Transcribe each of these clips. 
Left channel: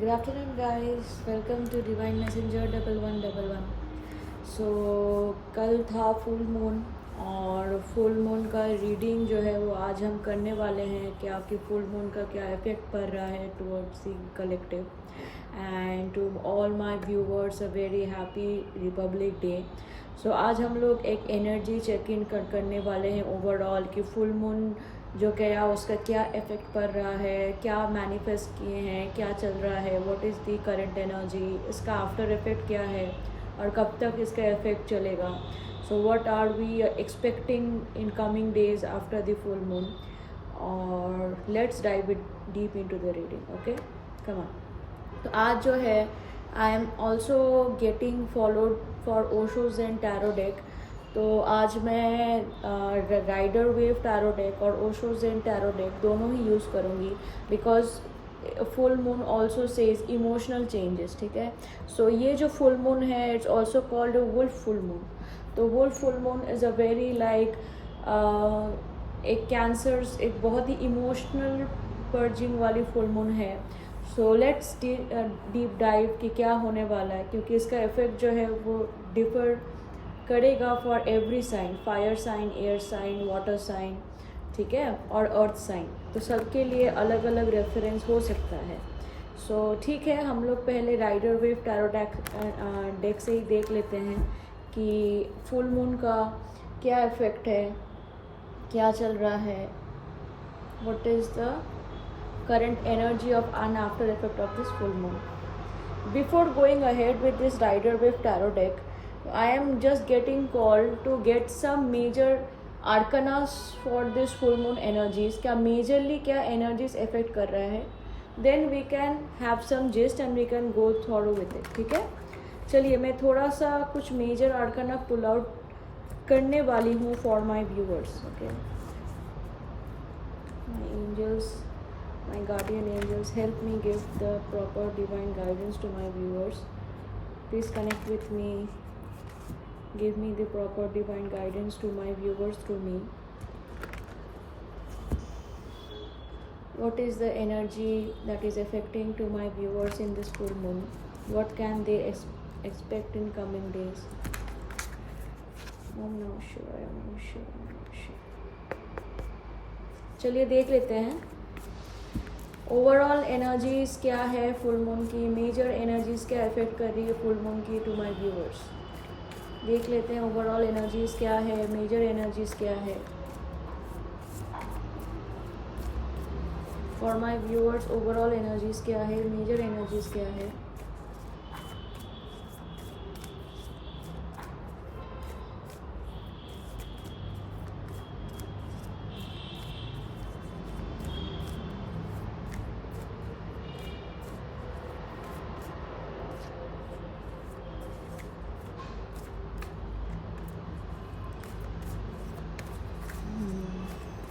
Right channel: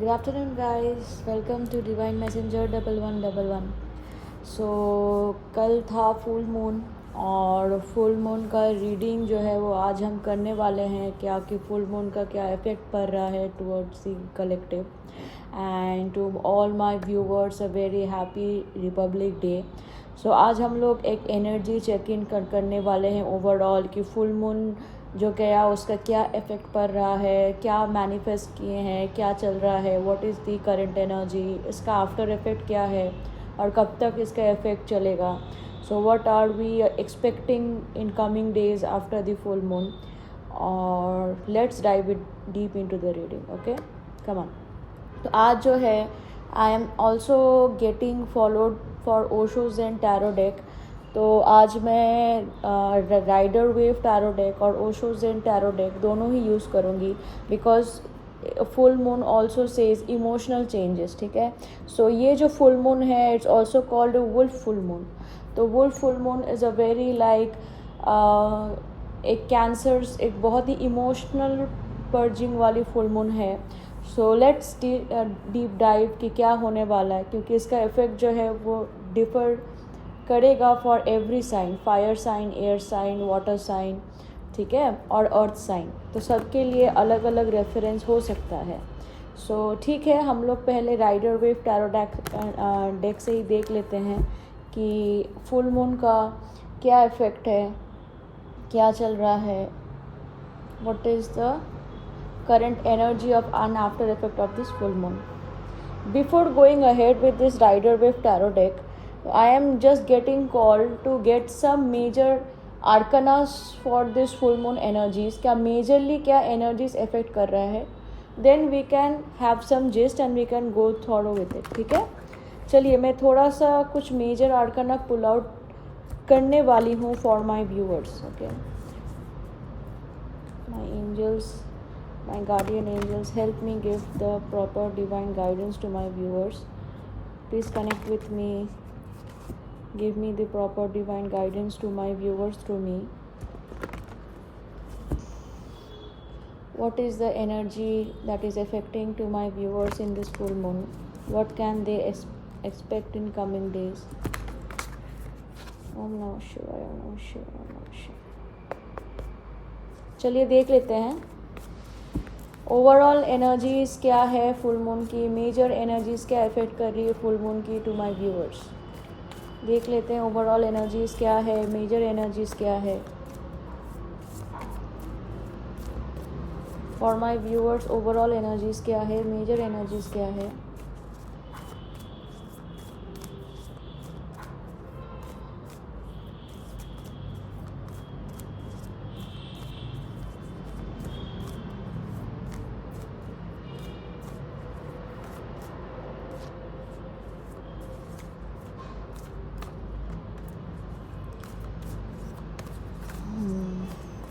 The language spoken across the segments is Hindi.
Good afternoon, guys. Welcome to Divine Messenger 1111. सो कल था फुल मून और फुल मून का रीडिंग जो है वो आज हम करने वाले हैं क्या कि फुल मून का क्या इफेक्ट पड़ रहा है towards the collective and to all my viewers a very happy republic day. So आज हम लोग एक एनर्जी चेक इन करने वाले हैं ओवरऑल कि फुल मून जो गया उसका क्या इफेक्ट पड़ रहा है, क्या मैनिफेस्ट किए हैं, क्या चल रहा है, what is the current energy, इसका आफ्टर इफेक्ट क्या है और कब तक इसका इफेक्ट चलेगा. So what are we expecting in coming days after the full moon. और let's dive it deep into the reading. Okay, come on. तो आज जो है I am also getting followed for Osho's and tarot deck. तो आज मैं राइडर वेव टैरो डेक और ओशोज एंड टैरो डेक दोनों ही यूज़ करूँगी because full moon also says emotional changes. ठीक है, सो ये जो फुल मून है it's also called wolf full moon. तो wolf full moon is a very like एक कैंसर्स एक बहुत ही इमोशनल पर्जिंग वाली फुल मून है. सो लेट्स डीप डाइव कि क्या होने वाला है क्योंकि इसका इफेक्ट जो है वो डिफर करेगा for every sign, fire sign, air sign, water sign, ठीक है, और अर्थ साइन. तो सबके लिए अलग अलग रेफरेंस हो सकता है. सो ठीक है, हम लोग पहले राइडर वेव टैरो डेक से ही देख लेते हैं कि फुल मून का क्या इफेक्ट है, क्या चल रहा है, what is the current energy of and after effect of this full moon. Before going ahead with this Rider Wave tarot deck, I am just getting called to get some major arcanas for this full moon energies. क्या majorly क्या energies affect कर रहे हैं, then we can have some gist and we can go thorough with it. ठीक है, चलिए मैं थोड़ा सा कुछ major arcana pull out करने वाली हूँ for my viewers. Okay, my angels, my guardian angels, help me give the proper divine guidance to my viewers. Please connect with me, give me the proper divine guidance to my viewers through me. What is the energy that is affecting to my viewers in this full moon? What can they expect in coming days? Om Namah Shivaya, Om Namah Shivaya, Om Namah Shivaya. चलिए देख लेते हैं ओवरऑल एनर्जीज क्या है फुल मून की, मेजर एनर्जीज क्या इफेक्ट कर रही है फुल मून की टू माय व्यूअर्स. देख लेते हैं ओवरऑल एनर्जीज क्या है, मेजर एनर्जीज क्या है for my viewers. Overall energies क्या है, मेजर एनर्जीज क्या है.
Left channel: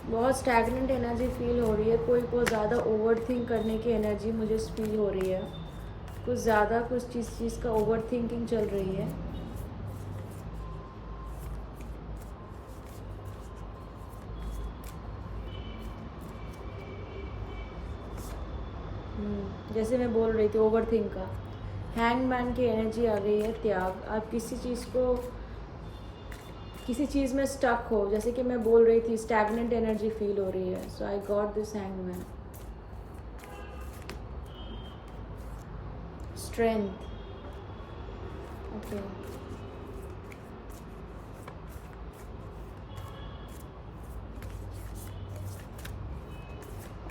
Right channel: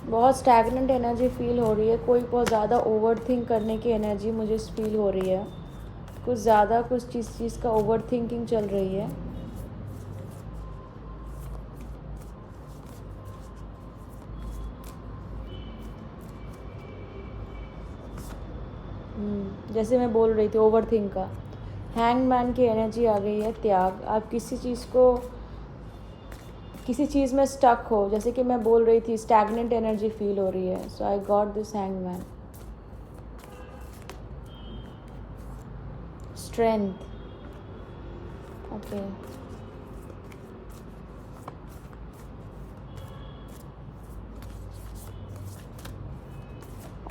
बहुत स्टैगनेंट एनर्जी फील हो रही है, कोई बहुत ज़्यादा ओवर थिंक करने की एनर्जी मुझे फील हो रही है. कुछ ज़्यादा कुछ चीज़ का ओवर थिंकिंग चल रही है. जैसे मैं बोल रही थी ओवर थिंक का, हैंगमैन की एनर्जी आ गई है. त्याग, आप किसी चीज़ में स्टक हो, जैसे कि मैं बोल रही थी स्टैगनेंट एनर्जी फील हो रही है. So I got this hangman. Strength, okay.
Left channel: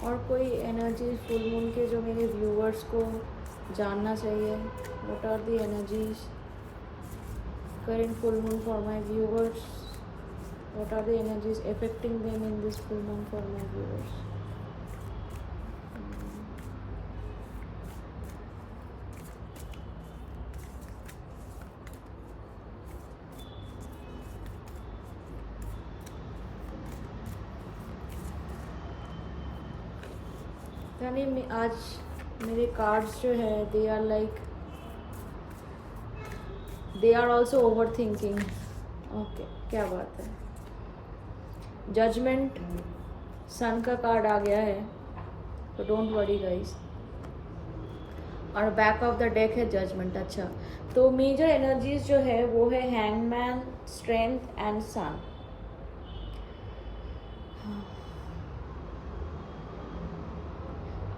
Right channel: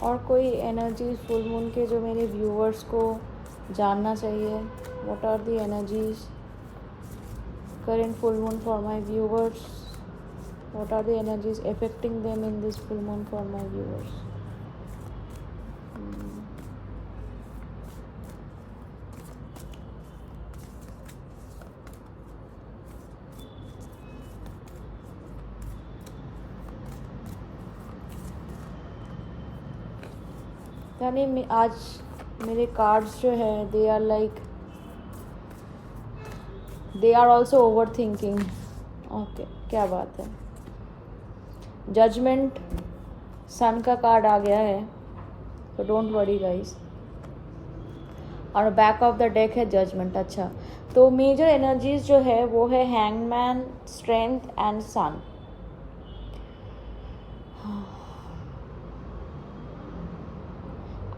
और कोई एनर्जी फुल मून के जो मेरे व्यूअर्स को जानना चाहिए. What are the energies current full moon for my viewers? What are the energies affecting them in this full moon for my viewers? यानी आज मेरे कार्ड्स जो है they are like they are also overthinking. Okay, क्या बात है. जजमेंट, सन का कार्ड आ गया है, तो डोंट वरी गाइस. और बैक ऑफ द डेक है जजमेंट। अच्छा, तो मेजर एनर्जीज जो है वो है हैंगमैन, स्ट्रेंथ एंड सन।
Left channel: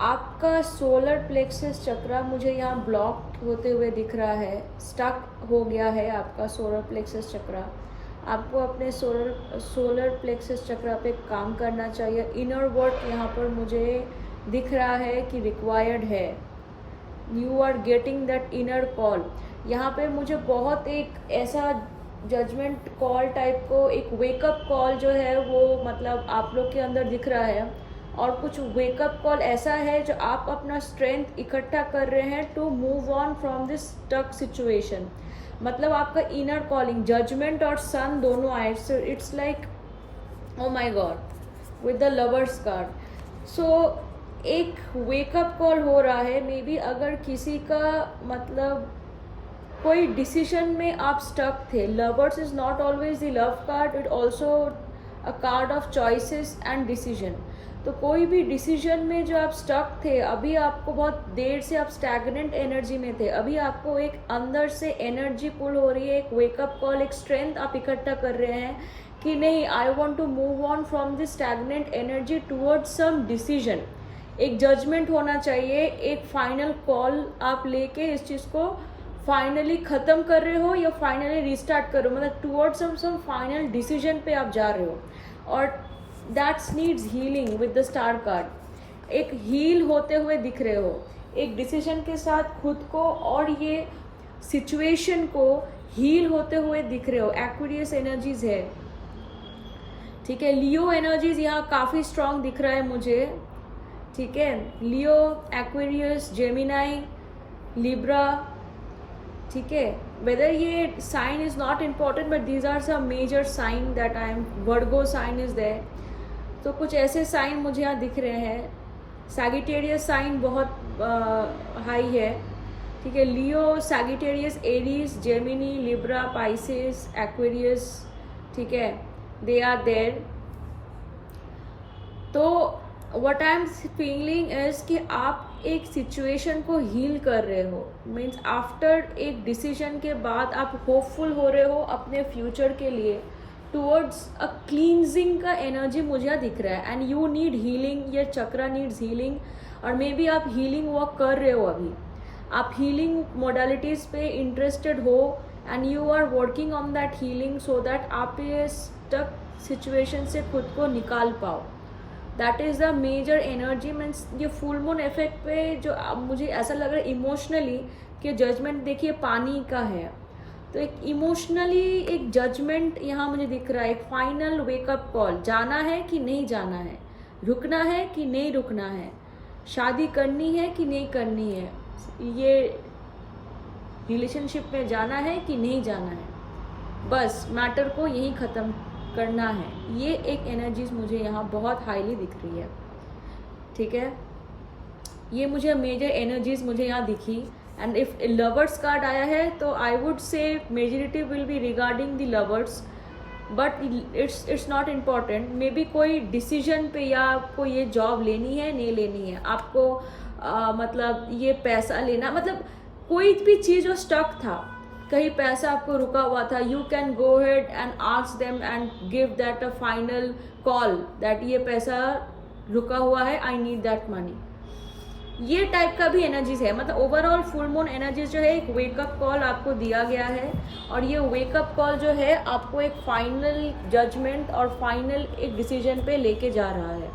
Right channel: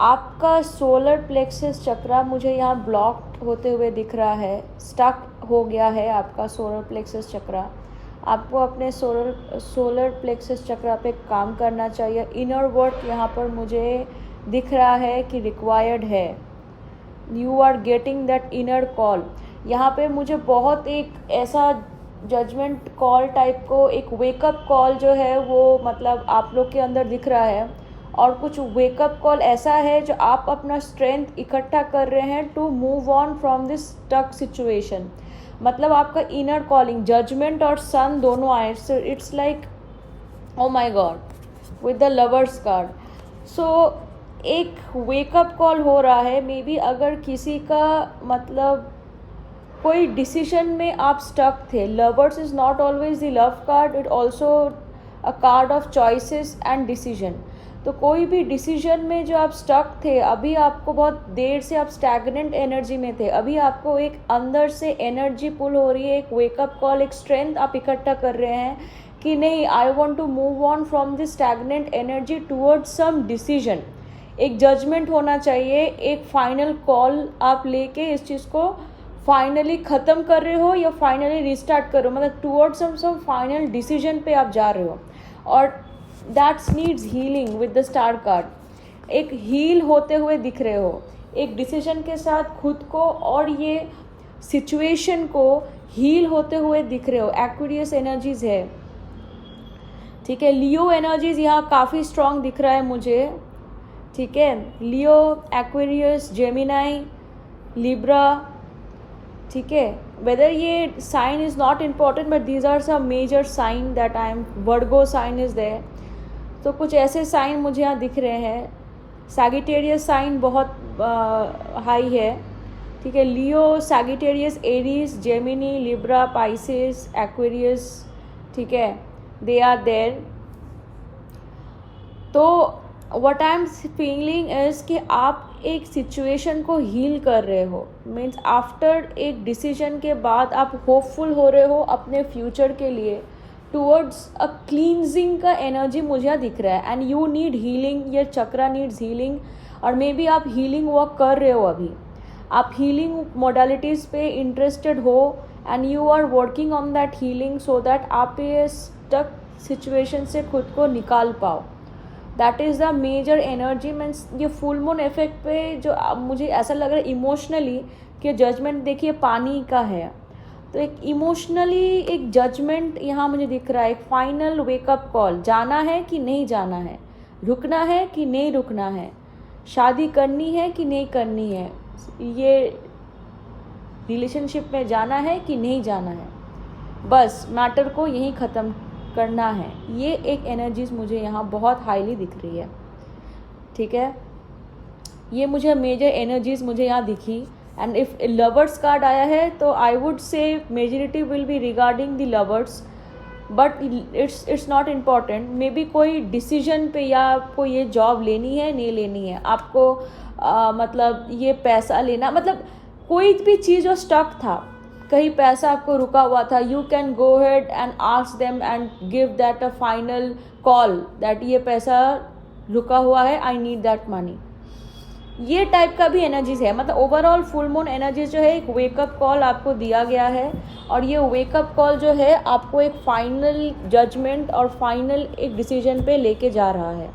आपका सोलर प्लेक्सस चक्रा मुझे यहाँ ब्लॉक होते हुए दिख रहा है, स्टक हो गया है आपका सोलर प्लेक्सस चक्रा। आपको अपने सोलर प्लेक्सस चक्रा पे काम करना चाहिए। इनर वर्क यहाँ पर मुझे दिख रहा है कि रिक्वायर्ड है। You are getting that inner call. यहाँ पे मुझे बहुत एक ऐसा जजमेंट कॉल टाइप को, एक वेकअप कॉल जो है वो मतलब आप लोग के अंदर दिख रहा है। और कुछ वेकअप कॉल ऐसा है जो आप अपना स्ट्रेंथ इकट्ठा कर रहे हैं to move on from this stuck situation. मतलब आपका इनर कॉलिंग, जजमेंट और सन दोनों आए। So it's like oh my god with the lovers card. So एक वेकअप कॉल हो रहा है। मे बी अगर किसी का मतलब कोई डिसीजन में आप स्टक थे। Lovers is not always the love card, it also a card of choices and decision. तो कोई भी डिसीजन में जो आप स्टक थे, अभी आपको बहुत देर से आप स्टैग्नेंट एनर्जी में थे, अभी आपको एक अंदर से एनर्जी पुल हो रही है, एक वेकअप कॉल, एक स्ट्रेंथ आप इकट्ठा कर रहे हैं कि नहीं, I want to move on from this stagnant energy towards some decision. एक जजमेंट होना चाहिए, एक फाइनल कॉल आप लेके इस चीज़ को फाइनली ख़त्म कर रहे हो या फाइनली रिस्टार्ट कर रहे हो, मतलब टूवर्ड्स सम फाइनल डिसीजन पे आप जा रहे हो। और that's needs healing with the star card. एक हील होते हुए दिख रहे हो, एक डिसीजन के साथ खुद को और ये सिचुएशन को हील होते हुए दिख रहे हो। एक्वेरियस एनर्जीज है, ठीक है। लियो एनर्जीज यहाँ काफ़ी स्ट्रांग दिख रहा है मुझे, ठीक है। लियो, एक्वेरियस, जेमिनाई, लिब्रा, ठीक है। वेदर ये sign is not important but these are some major sign that I am, Virgo sign is there. तो कुछ ऐसे साइन मुझे यहाँ दिख रहे हैं। सैगिटेरियस साइन बहुत हाई है, ठीक है। Leo, Sagittarius, Aries, Gemini, Libra, Pisces, Aquarius, ठीक है, दे आर देयर। तो what I am feeling is कि आप एक सिचुएशन को हील कर रहे हो। मीन्स आफ्टर एक डिसीजन के बाद आप होपफुल हो रहे हो अपने फ्यूचर के लिए, टूवर्ड्स अ क्लींजिंग का एनर्जी मुझे यहाँ दिख रहा है। एंड यू नीड हीलिंग, ये चक्रा नीड्स हीलिंग। और मे बी आप हीलिंग वर्क कर रहे हो, अभी आप हीलिंग मोडालिटीज़ पे इंटरेस्टेड हो and you are working on that healing so that आप ये स्टक सिचुएशन से खुद को निकाल पाओ। That is the major energy. Means ये फुल मून इफेक्ट पे जो मुझे ऐसा लग रहा है इमोशनली कि जजमेंट देखिए पानी का है, तो एक इमोशनली एक जजमेंट यहाँ मुझे दिख रहा है। एक फाइनल वेकअप कॉल, जाना है कि नहीं जाना है, रुकना है कि नहीं रुकना है, शादी करनी है कि नहीं करनी है, ये रिलेशनशिप में जाना है कि नहीं जाना है, बस मैटर को यहीं ख़त्म करना है। ये एक एनर्जीज मुझे यहाँ बहुत हाईली दिख रही है, ठीक है। ये मुझे मेजर एनर्जीज मुझे यहाँ दिखी। एंड इफ लवर्स कार्ड आया है तो I would say majority will be regarding the lovers, but it's not important. May be कोई डिसीजन पे, या आपको ये जॉब लेनी है नहीं लेनी है, आपको मतलब ये पैसा लेना, मतलब कोई भी चीज़ जो स्टक था, कहीं पैसा आपको रुका हुआ था, you can go head and ask them and give that a final call that ये पैसा रुका हुआ है, आई नीड दैट मनी। ये टाइप का भी एनर्जीज है। मतलब ओवरऑल फुल मून एनर्जीज जो है एक वेकअप कॉल आपको दिया गया है, और ये वेकअप कॉल जो है आपको एक फाइनल जजमेंट और फाइनल एक डिसीजन पे लेके जा रहा है,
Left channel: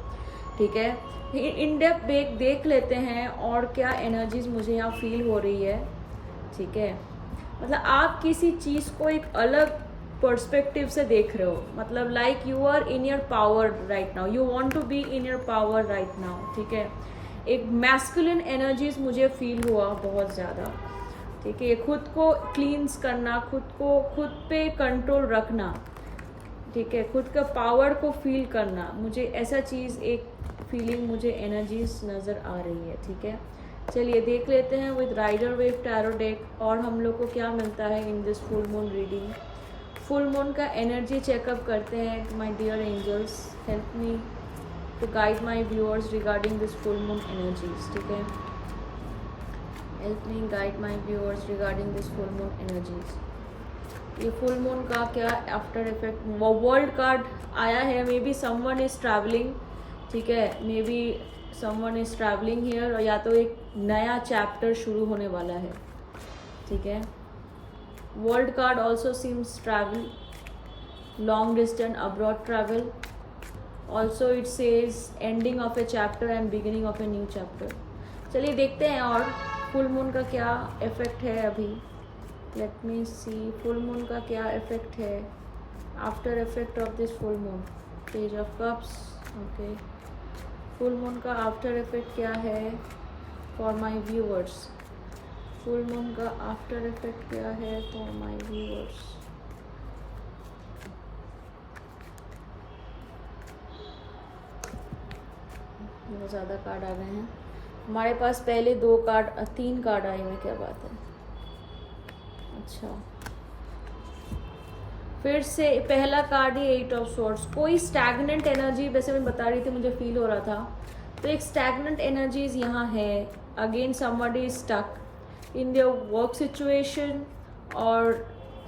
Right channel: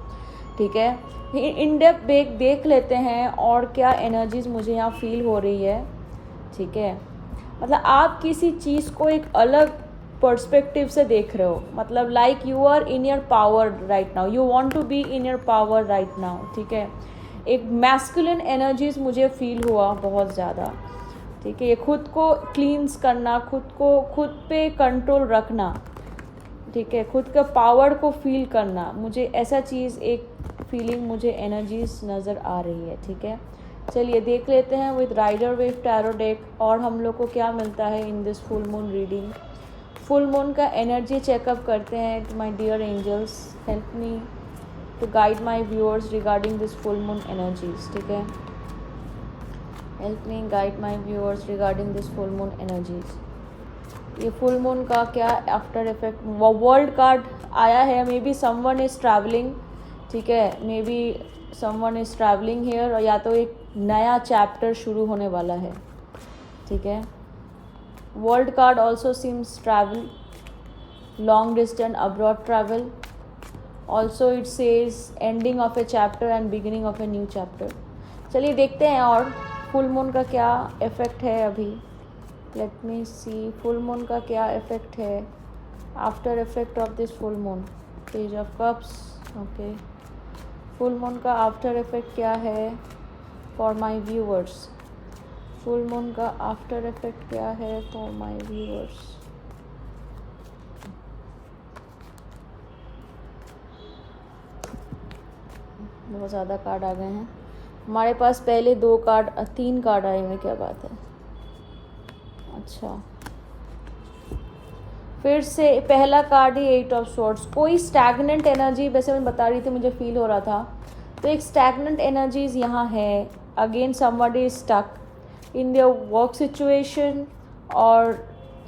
ठीक है। इन डेप्थ देख लेते हैं और क्या एनर्जीज मुझे यहाँ फील हो रही है, ठीक है। मतलब आप किसी चीज़ को एक अलग पर्सपेक्टिव से देख रहे हो, मतलब like you are in your power right now, you want to be in your power right now, ठीक है। एक मैस्कुलिन एनर्जीज मुझे फील हुआ बहुत ज़्यादा, ठीक है। ये खुद को क्लींस करना, खुद पे कंट्रोल रखना, ठीक है, खुद का पावर को फील करना, मुझे ऐसा चीज़ एक फीलिंग मुझे एनर्जीज नज़र आ रही है, ठीक है। चलिए देख लेते हैं with Rider Waite tarot deck और हम लोग को क्या मिलता है in this full moon reading. Full moon का एनर्जी चेकअप करते हैं। My dear angels, help me to guide my viewers regarding this full moon energies, ठीक है। Help me guide my viewers regarding this full moon energies. ये फुल मून का क्या आफ्टर इफेक्ट, वर्ल्ड कार्ड आया है। Maybe someone is travelling, ठीक है, maybe someone is travelling here, और या तो एक नया चैप्टर शुरू होने वाला है, ठीक है। World card also seems travel, long distance abroad travel, also it says ending of A chapter and beginning of a new chapter. चलिए देखते हैं और फुल मून का क्या इफेक्ट है अभी। लेट मी सी फुल मून का क्या इफेक्ट है, after effect of this full moon. Page of cups, okay. Full moon का आफ्टर इफेक्ट क्या है for my viewers. Full moon का आफ्टर इफेक्ट क्या है फॉर माय व्यूअर्स। बहुत ज़्यादा कार्ड आ गए हैं हमारे पास। पहले 2 कार्ड 3 कार्ड आए हैं, क्या बात है। अच्छा, फिर से पहला कार्ड ही 8 ऑफ स्वॉर्ड्स। कोई स्टैग्नेंट एनर्जी, वैसे मैं बता रही थी, मुझे फील हो रहा था, तो एक स्टैग्नेंट एनर्जीज यहाँ है। Again somebody is stuck in their work situation, और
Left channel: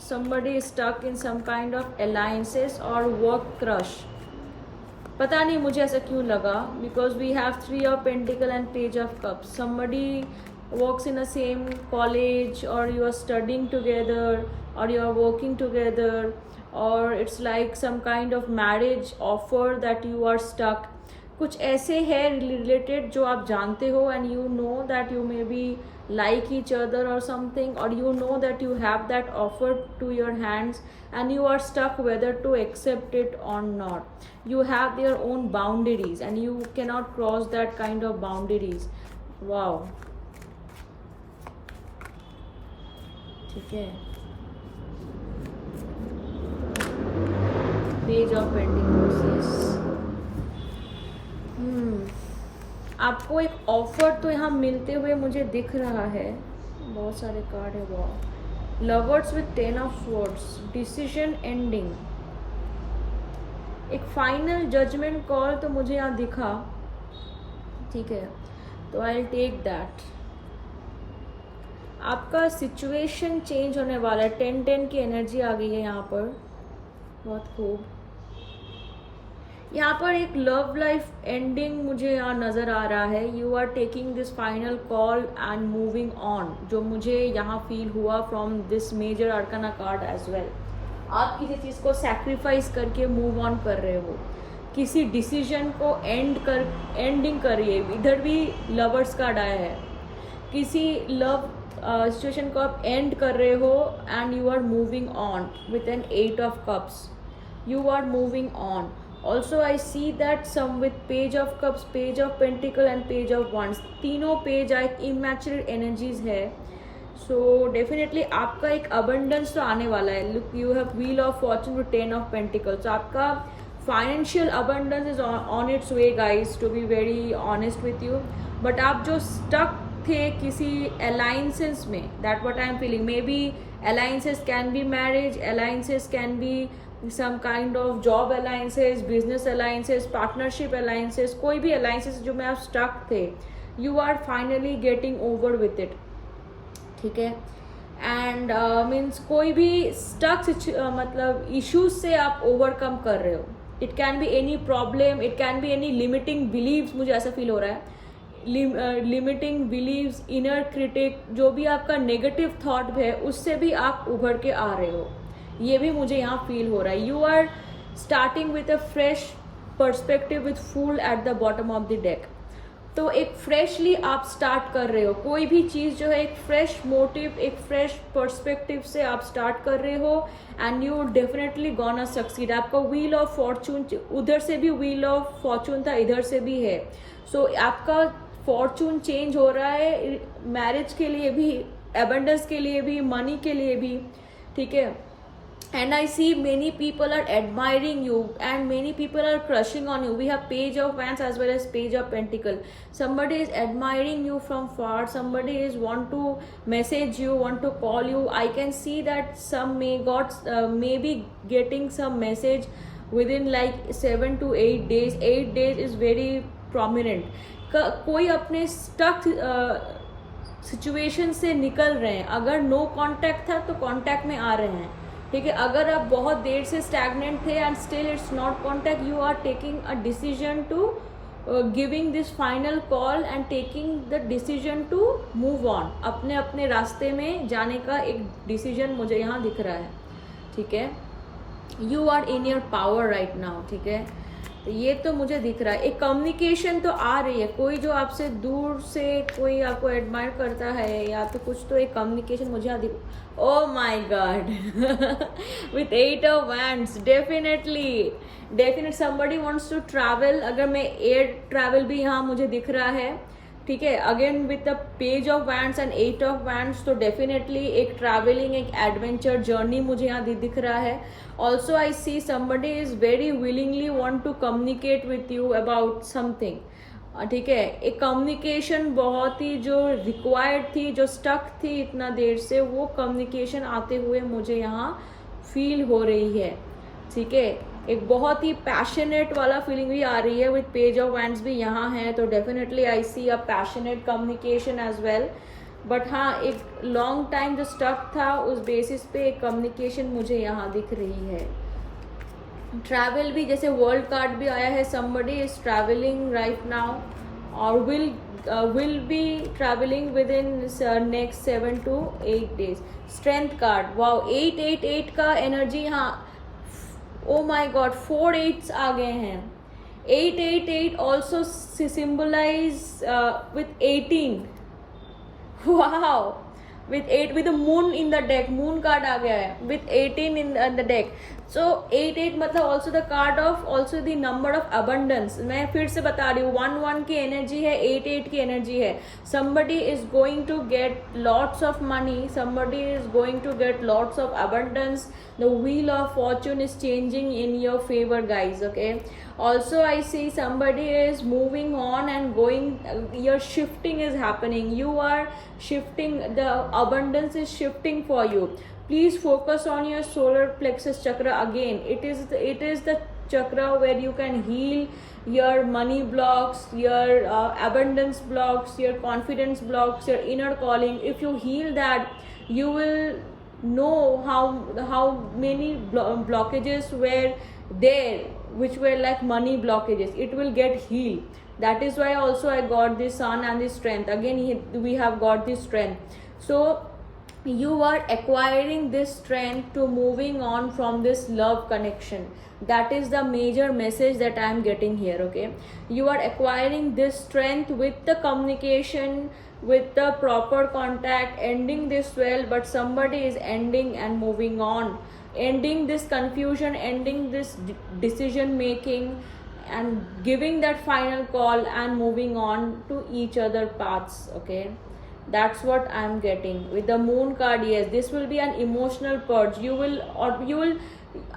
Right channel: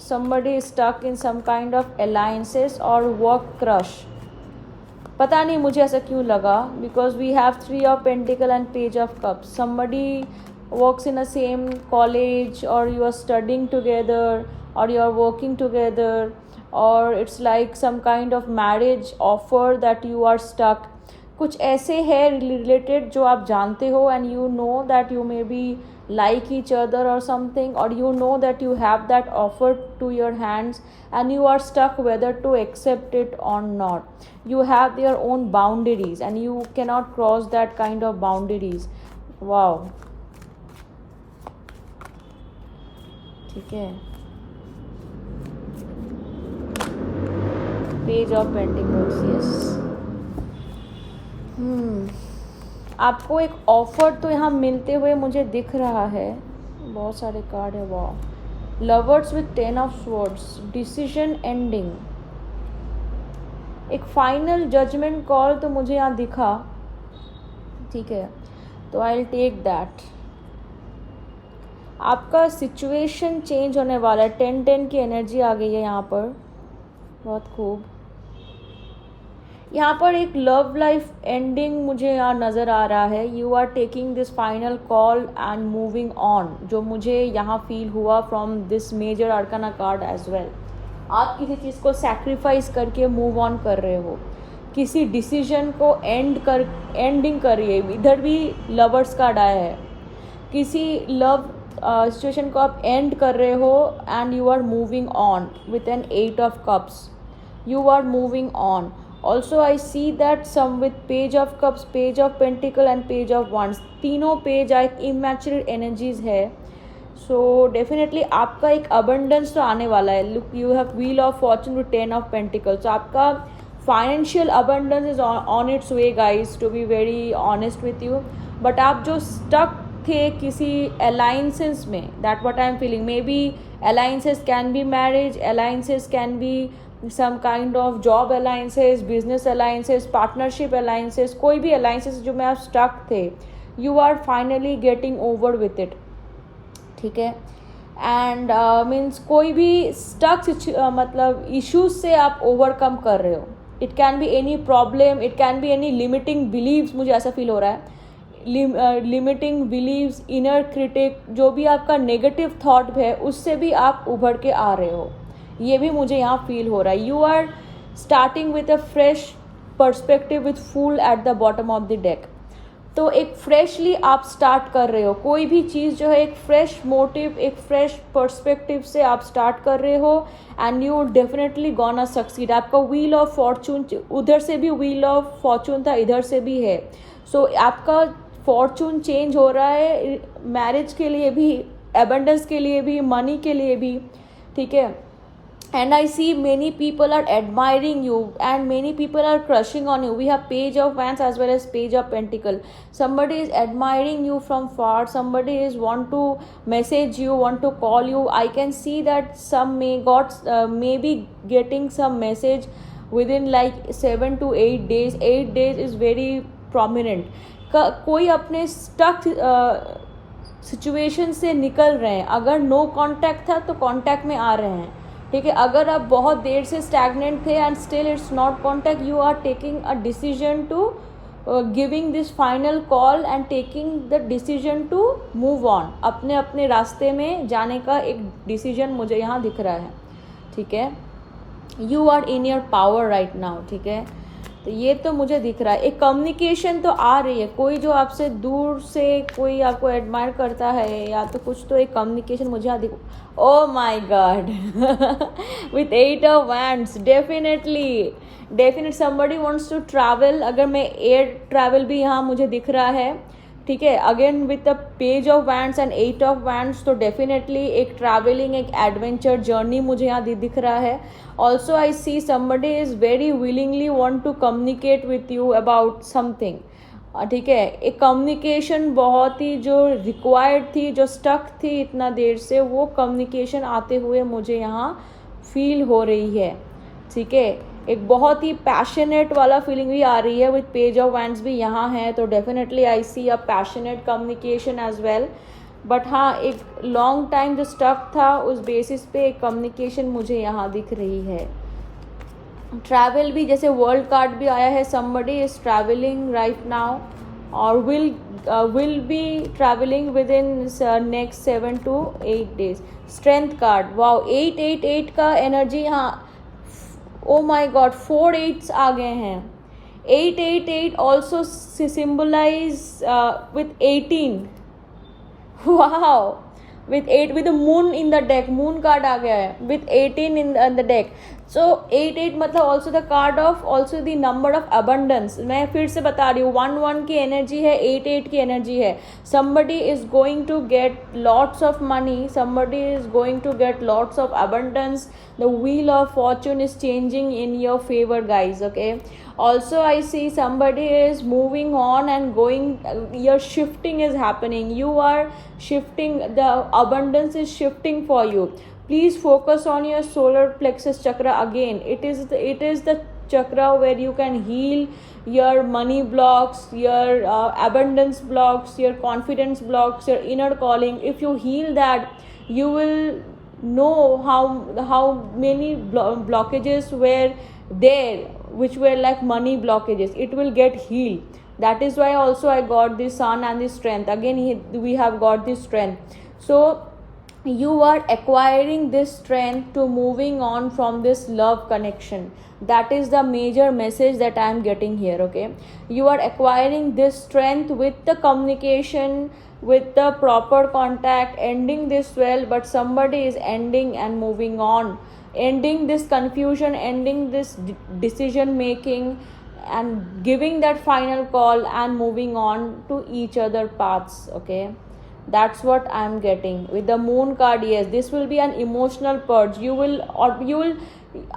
somebody is stuck in some kind of alliances और वर्क क्रश। पता नहीं मुझे ऐसा क्यों लगा, because we have 3 of pentacles and page of cups. Somebody works in the same college, or you are studying together, or you are working together, or it's like some kind of marriage offer that you are stuck. कुछ ऐसे है रिलेटेड जो आप जानते हो, and you know that you may be like each other or something, or you know that you have that offer to your hands and you are stuck whether to accept it or not. You have their own boundaries and you cannot cross that kind of boundaries. Wow, ठीक है। पेज ऑफ पेंटिकल्स, आपको एक ऑफर तो यहाँ मिलते हुए मुझे दिख रहा है। बहुत सारे कार्ड है, वाह। Lovers with 10 of swords, decision ending, एक फाइनल जजमेंट कॉल तो मुझे यहाँ दिखा, ठीक है, तो आई विल टेक दैट। आपका सिचुएशन चेंज होने वाला है। 10-10 की एनर्जी आ गई है यहाँ पर, बहुत खूब। यहाँ पर एक लव लाइफ एंडिंग मुझे यहाँ नज़र आ रहा है। You are taking this final call and moving on, जो मुझे यहाँ फील हुआ from this major arcana card as well. आप किसी चीज़ को सैक्रिफाइस करके मूव ऑन कर रहे हो, किसी डिसीजन को एंडिंग कर रही है। इधर भी लवर्स कार्ड आया है, किसी लव सिचुएशन को आप एंड कर रहे हो, and you are moving on with an 8 of cups. You are moving on. Also I see that some with page of cups, page of pentacles and page of wands, तीनों पेज एक इमैच्योर एनर्जीज है। सो डेफिनेटली आपका एक अबंडेंस तो आने वाला है। Look, you have wheel of fortune with 10 of pentacles. So आपका financial abundance is on its way guys, to be very honest with you. But आप जो स्टक थे किसी अलायंसेस में, that what I am feeling. Maybe alliances can be marriage, alliances can be some kind of job alliances, business alliances, partnership alliances, कोई भी alliances जो में आप stuck थे, you are finally getting over with it, ठीक है। एंड मीन्स कोई भी stuck मतलब issues से आप overcome कर रहे हो। It can be any problem, it can be any limiting beliefs, मुझे ऐसा फील हो रहा है। लिमिटिंग बिलीव्स, इनर क्रिटिक, जो भी आपका नेगेटिव थॉट है उससे भी आप उभर के आ रहे हो, ये भी मुझे यहाँ फील हो रहा है। You are starting with a fresh perspective with fool at the bottom of the deck. तो एक फ्रेशली आप स्टार्ट कर रहे हो, कोई भी चीज़ जो है एक फ्रेश मोटिव, एक फ्रेश पर्सपेक्टिव से आप स्टार्ट कर रहे हो, and you definitely gonna succeed. आपका व्हील ऑफ फॉर्चून, उधर से भी व्हील ऑफ फॉर्चून था, इधर से भी है। सो आपका फॉर्चून चेंज हो रहा है, मैरिज के लिए भी, एबंडेंस के लिए भी, मनी के लिए भी, ठीक है। And I see many people are admiring you and many people are crushing on you. We have page of wands as well as page of pentacle. Somebody is admiring you from far, somebody is want to message you, want to call you. I can see that some may be getting some message within like 7 to 8 days. 8 days is very prominent. कोई अपने सिचुएशन से निकल रहे हैं. अगर नो कांटेक्ट था तो कांटेक्ट में आ रहे हैं. ठीक है, अगर आप बहुत देर से स्टैग्नेंट थे and still it's not contact, you are taking a decision to giving this final call and taking the decision to move on. अपने अपने रास्ते में जाने का एक डिसीजन मुझे यहाँ दिख रहा है. ठीक है, you are in your power right now. ठीक है, तो ये तो मुझे दिख रहा है. एक कम्युनिकेशन तो आ रही है, कोई जो आपसे दूर से कोई आपको एडमायर करता है या तो कुछ, तो एक कम्युनिकेशन मुझे यहाँ दिख. Oh my God, with 8 of wands, definitely somebody wants to travel. अगर मैं एयर ट्रैवल भी यहाँ मुझे दिख रहा है. ठीक है, again with the page of wands and 8 of wands, तो डेफिनेटली एक ट्रैवलिंग, एक एडवेंचर जर्नी मुझे यहाँ दिख रहा है. Also I see somebody is very willingly want to communicate with you about something. ठीक है, एक कम्युनिकेशन बहुत ही जो रिक्वायर्ड थी, जो स्टक थी इतना देर से, वो कम्युनिकेशन आते हुए मुझे यहाँ फील हो रही है. ठीक है, एक बहुत ही पैशनेट वाला फीलिंग भी आ रही है. विथ पेज ऑफ वैंड्स भी यहाँ है, तो definitely I see a passionate communication as well. But हाँ, एक लॉन्ग टाइम जो स्टक था उस बेसिस पे एक कम्युनिकेशन मुझे यहाँ दिख रही है. ट्रैवल भी, जैसे वर्ल्ड कार्ड भी आया है, somebody is traveling right now or will be traveling within next 7 to 8 days. Strength card, wow, 8 का एनर्जी यहाँ. ओ माई गॉड, 4 8s आ गए हैं. 8 also symbolize with 18. Wow, with 8 with the moon in the deck, moon card आ गया है with 18 in the deck. So 8 मतलब also the card of also the number of abundance. मैं फिर से बता रही हूँ, 1 की एनर्जी है, 8 की एनर्जी है. Somebody is going to get lots of money, somebody is going to get lots of abundance. The wheel of fortune is changing in your favor, guys. Okay, also I see somebody is moving on and going, your shifting is happening, you are shifting, the abundance is shifting for you. Please focus on your solar plexus chakra again. It is the chakra where you can heal your money blocks, your abundance blocks, your confidence blocks, your inner calling. If you heal that, you will know how many blockages were there, which were like money blockages. It will get healed. That is why also I got this sun and this strength. Again, we have got this strength. So you are acquiring this strength to moving on from this love connection. That is the major message that I am getting here. Okay, you are acquiring this strength with the communication, with the proper contact, ending this well, but somebody is ending and moving on, ending this confusion, ending this decision making, and giving that final call and moving on to each other paths. Okay, that's what I'm getting with the moon card. Yes, this will be an emotional purge. You will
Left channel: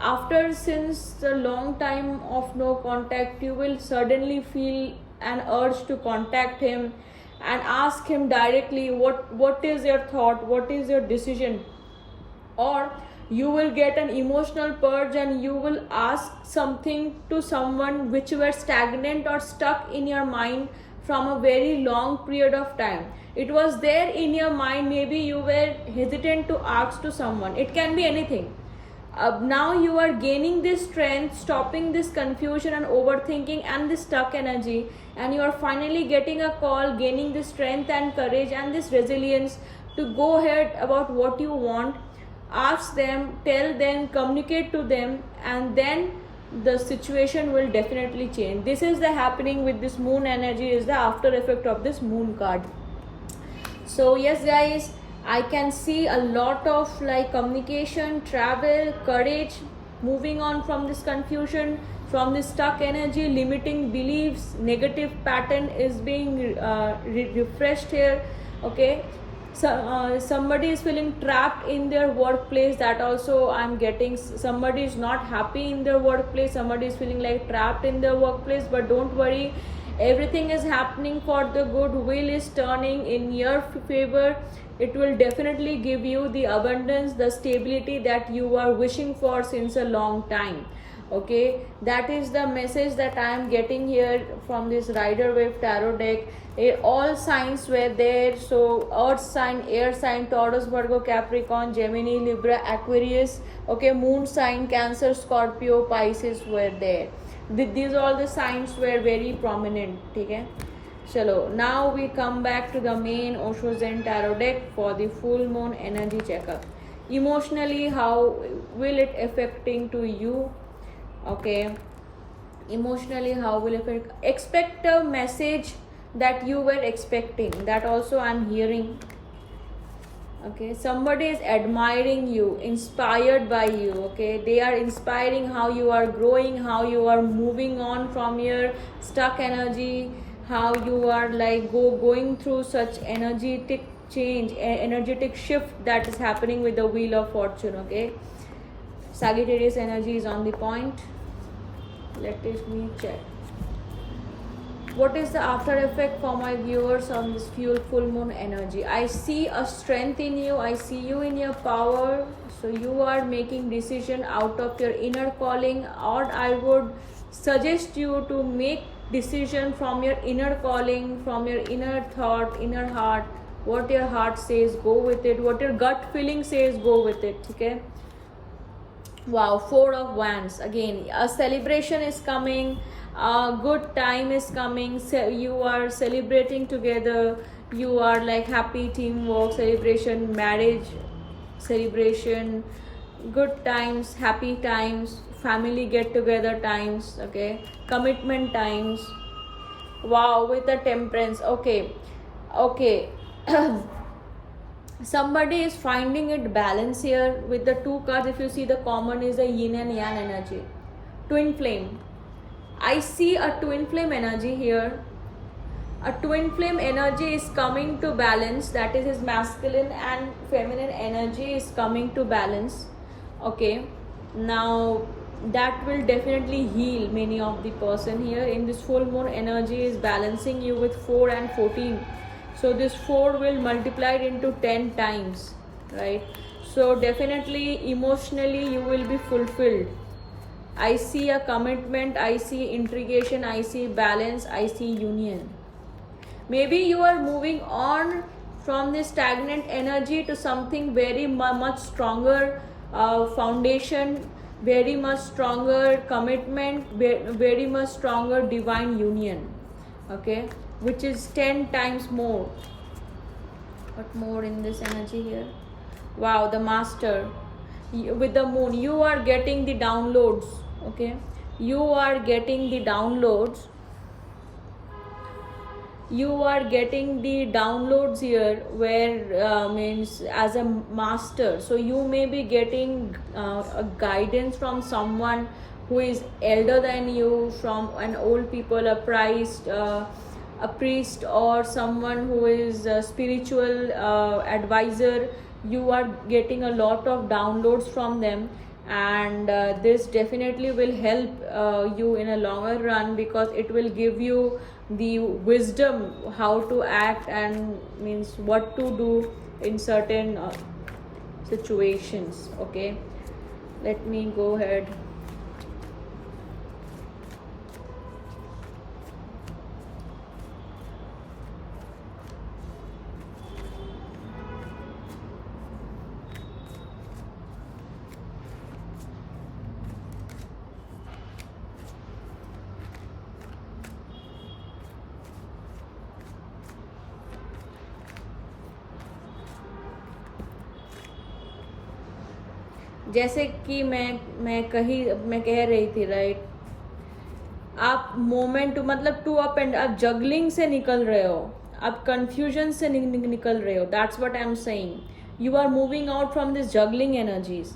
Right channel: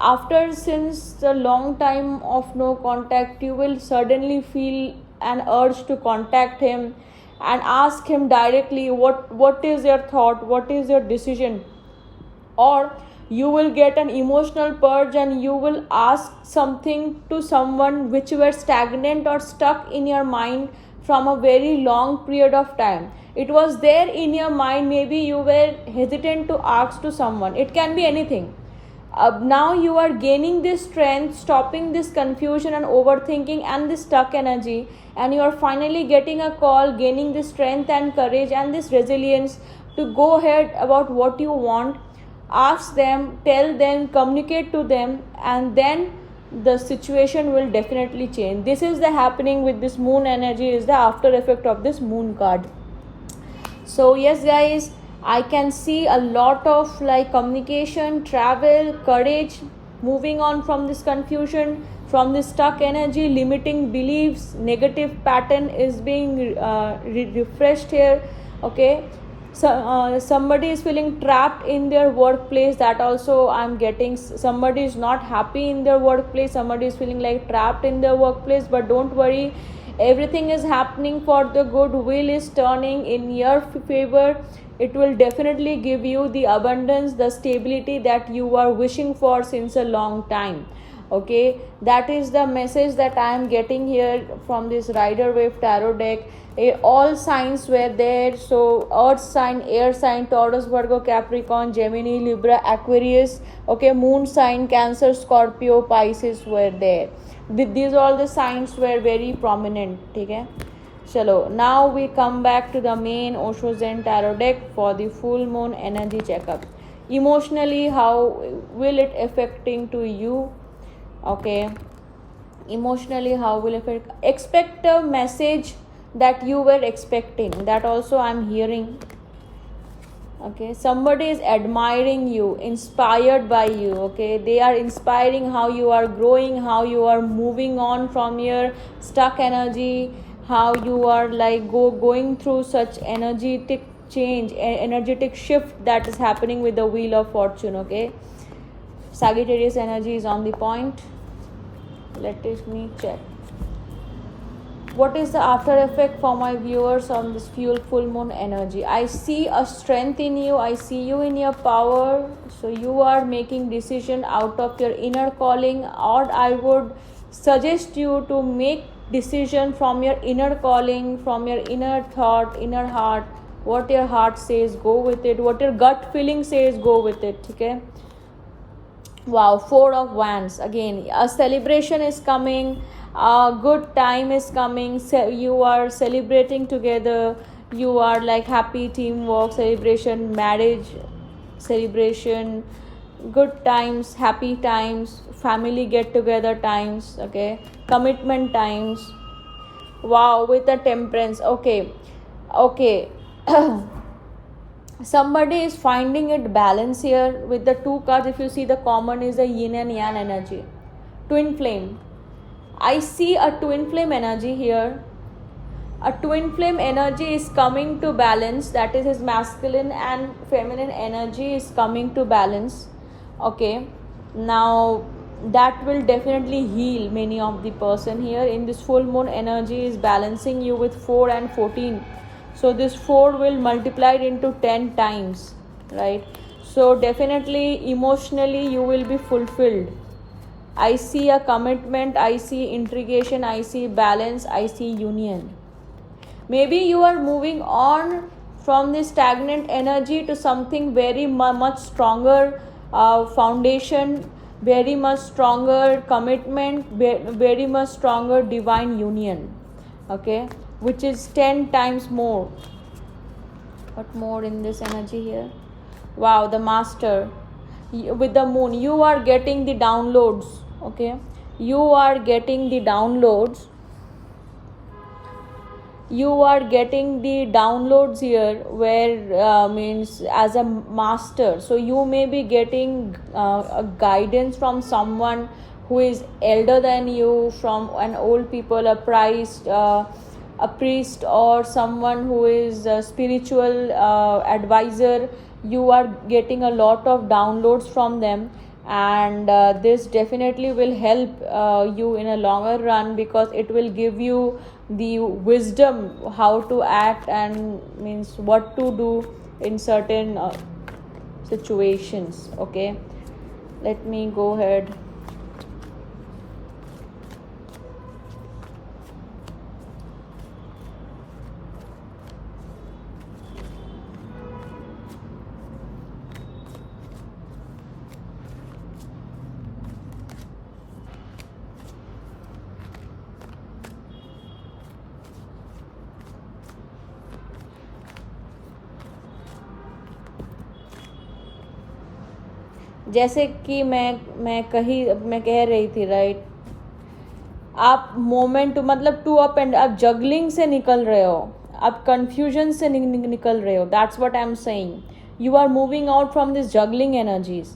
after, since a long time of no contact, you will suddenly feel an urge to contact him and ask him directly what is your thought, what is your decision. Or you will get an emotional purge and you will ask something to someone which were stagnant or stuck in your mind from a very long period of time. It was there in your mind, maybe you were hesitant to ask to someone. It can be anything. Now you are gaining this strength, stopping this confusion and overthinking and this stuck energy, and you are finally getting a call, gaining this strength and courage and this resilience to go ahead about what you want. Ask them, tell them, communicate to them, and then the situation will definitely change. This is the happening with this moon energy, is the after effect of this moon card. So yes guys, I can see a lot of like communication, travel, courage, moving on from this confusion, from this stuck energy, limiting beliefs, negative pattern is being refreshed here. Okay, so somebody is feeling trapped in their workplace. That also I'm getting. Somebody is not happy in their workplace, somebody is feeling like trapped in their workplace, but don't worry, everything is happening for the good. Wheel is turning in your favor. It will definitely give you the abundance, the stability that you are wishing for since a long time. Okay, that is the message that I am getting here from this Rider Wave tarot deck. All signs were there. So earth sign, air sign, Taurus, Virgo, Capricorn, Gemini, Libra, Aquarius, okay, moon sign, Cancer, Scorpio, Pisces were there. These all the signs were very prominent. Okay, chalo, now we come back to the main Osho Zen tarot deck for the full moon energy checkup. Emotionally, how will it affecting to you? Okay, emotionally, how will it expect a message that you were expecting, that also I'm hearing. Okay, somebody is admiring you, inspired by you. Okay, they are inspiring how you are growing, how you are moving on from your stuck energy, how you are like going through such energetic change, energetic shift that is happening with the wheel of fortune. Okay, Sagittarius energy is on the point. Let me check. What is the after effect for my viewers on this full moon energy? I see a strength in you. I see you in your power. So you are making decision out of your inner calling, or I would suggest you to make decision from your inner calling, from your inner thought, inner heart. What your heart says, go with it. What your gut feeling says, go with it. Okay. Wow, 4 of Wands. Again, a celebration is coming. A good time is coming. You are celebrating together. You are like happy teamwork, celebration, marriage, celebration, good times, happy times, family get together times. Okay, commitment times. Wow, with the Temperance. Okay. Somebody is finding it balance here with the 2 cards. If you see, the common is the yin and yang energy, twin flame. I see a twin flame energy here. A twin flame energy is coming to balance. That is his masculine and feminine energy is coming to balance. Okay, now that will definitely heal many of the person here. In this full moon energy is balancing you with 4 and 14. So this 4 will multiply it into 10 times, right? So definitely emotionally you will be fulfilled. I see a commitment, I see integration, I see balance, I see union. Maybe you are moving on from this stagnant energy to something very much stronger foundation, very much stronger commitment, very much stronger divine union. Okay, which is 10 times more. What more in this energy here? Wow, the Master with the Moon. You are getting the downloads. Okay, you are getting the downloads. You are getting the downloads here, where means as a master. So you may be getting a guidance from someone who is elder than you, from an old people, a priest, or someone who is a spiritual advisor. You are getting a lot of downloads from them, and this definitely will help you in a longer run, because it will give you the wisdom how to act and means what to do in certain situations. Okay, let me go ahead. जैसे कि मैं कह रही थी, राइट, आप मोमेंट मतलब टू अप एंड आप जगलिंग से निकल रहे हो, आप कंफ्यूजन से निकल रहे हो. That's what I am saying. You are moving out from this juggling energies.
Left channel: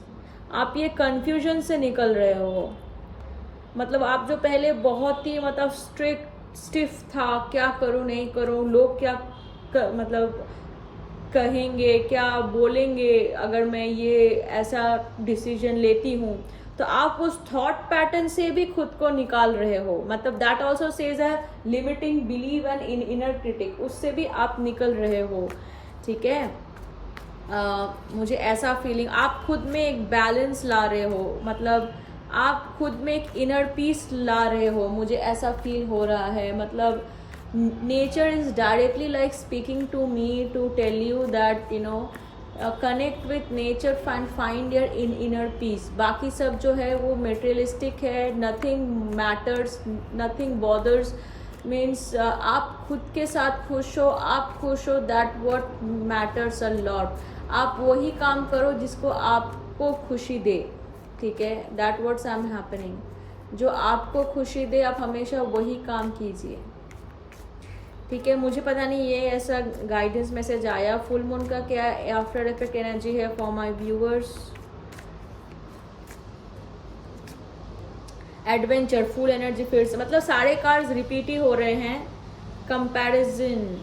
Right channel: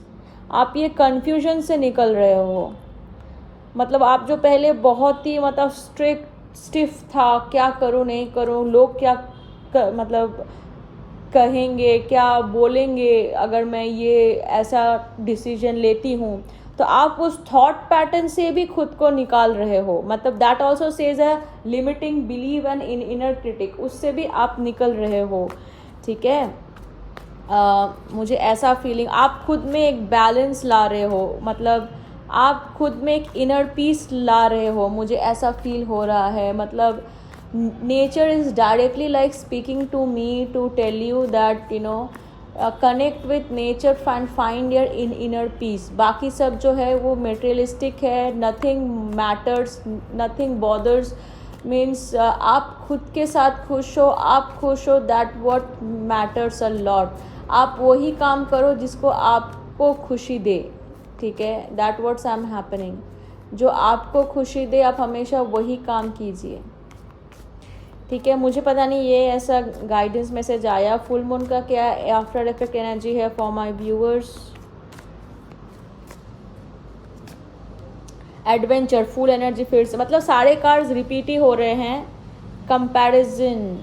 आप ये कंफ्यूजन से निकल रहे हो. मतलब आप जो पहले बहुत ही मतलब स्टिफ था, क्या करूँ नहीं करूँ, लोग क्या मतलब कहेंगे, क्या बोलेंगे अगर मैं ये ऐसा डिसीजन लेती हूँ, तो आप उस थॉट पैटर्न से भी खुद को निकाल रहे हो. मतलब that also says a limiting believe and in inner critic, उससे भी आप निकल रहे हो. ठीक है, मुझे ऐसा फीलिंग, आप खुद में एक बैलेंस ला रहे हो. मतलब आप खुद में एक इनर पीस ला रहे हो, मुझे ऐसा फील हो रहा है. मतलब nature is directly like speaking to me to tell you that connect with nature and find your inner peace. बाकी सब जो है वो मटेरियलिस्टिक है. Nothing matters, nothing bothers. Means आप खुद के साथ खुश हो, आप खुश हो, that what matters a lot. आप वही काम करो जिसको आपको खुशी दे. ठीक है, that what's I am happening. जो आपको खुशी दे आप हमेशा वही काम कीजिए. ठीक है, मुझे पता नहीं ये ऐसा गाइडेंस मैसेज आया. फुल मून का क्या आफ्टर इफेक्ट एनर्जी है for my viewers. Adventure, full energy फिर से, मतलब सारे कार्ड्स रिपीट ही हो रहे हैं. Comparison